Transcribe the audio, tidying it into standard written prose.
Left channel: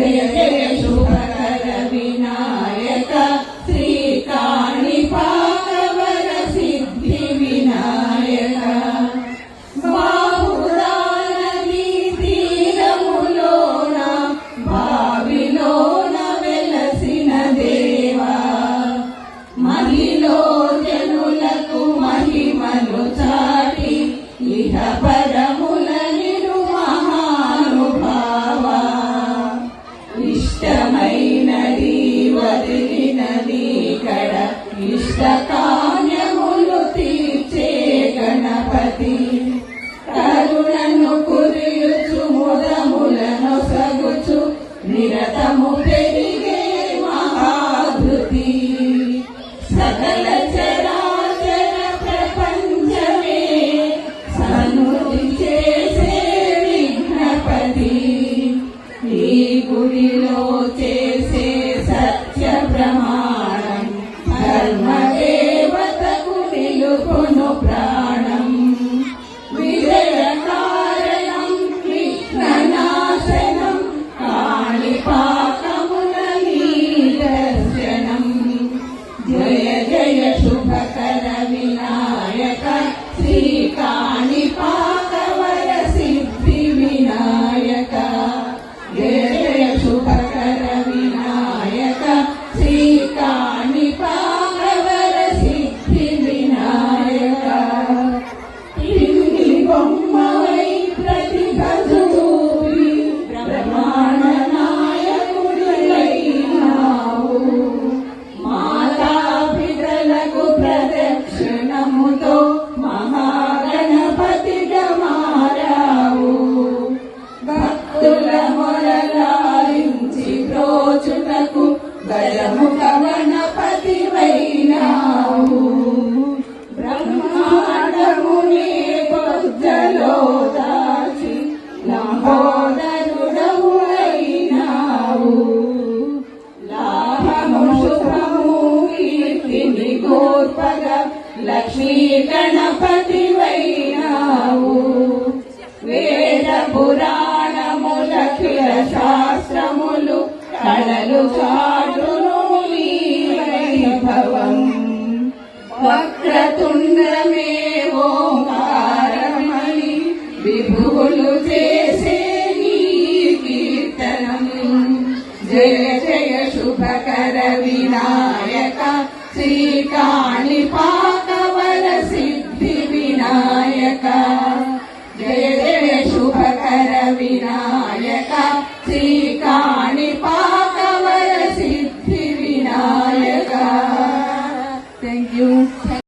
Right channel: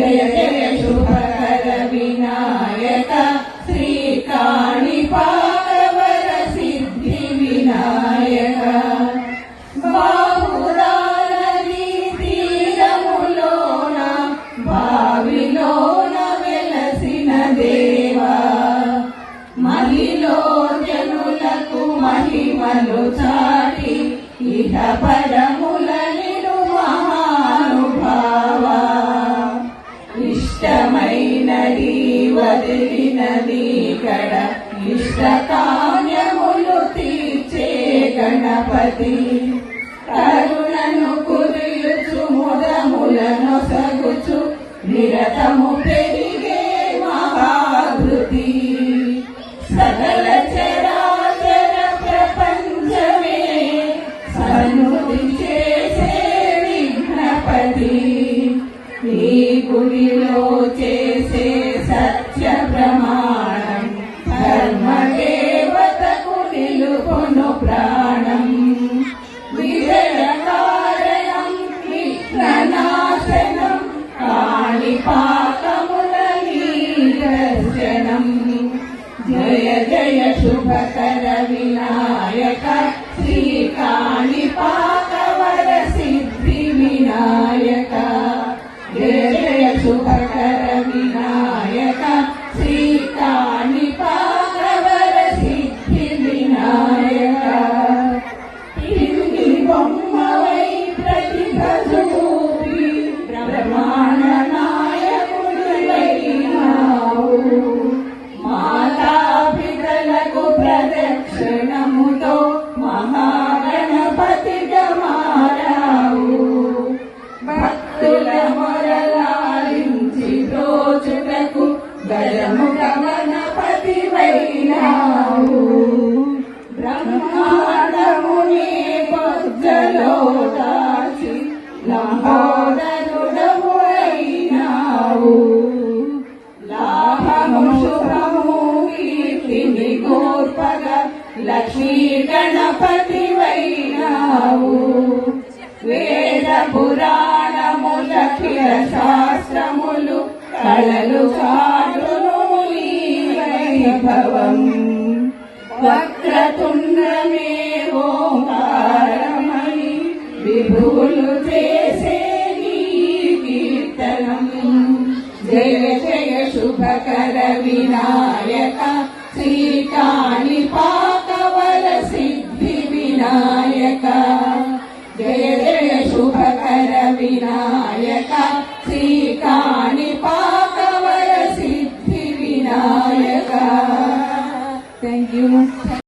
జయ జయ శుభకర వినాయక శ్రీ కాణిపాకవర సిద్ధి వినాయక బాహుదాన తీరములోన భావిలోన వెలసిన దేవా మహిలో జనులకు మహిమలు చాటి ఇహ పరముల నిడు మహానుభావ ఇష్టమైనది వదిలినది కడ ఇష్టకామ్యములు తీర్చే గణపతి కరుణను కురియుచు ముదములను సగుచు నిరతము పెరిగే మహాధృతి సకల చరాచర ప్రపంచమే సన్నుతి చేసే విఘ్నపతి ఈ గుడిలో చేసే సత్య ప్రమాణం ధర్మదేవతకు నిలుపును ప్రాణం విజయ కారణం విఘ్ననాశనం కాణిపాకమున దర్శనం జయ జయ శుభకర వినాయక శ్రీ కాణిపాకవర సిద్ధి వినాయక జయ జయ శుభకర వినాయక శ్రీ కాణిపాకవర సిద్ధి వినాయక తిరుగి బొమ్మవై ప్రతిభ చూపి బ్రహ్మాండ నాయకుడివైనావు మాతాపితలకు ప్రదక్షిణముతో మహాగణపతిగా మారావు భక్తుల మొరలాలించి ప్రోచుటకు గణముఖ గణపతి వై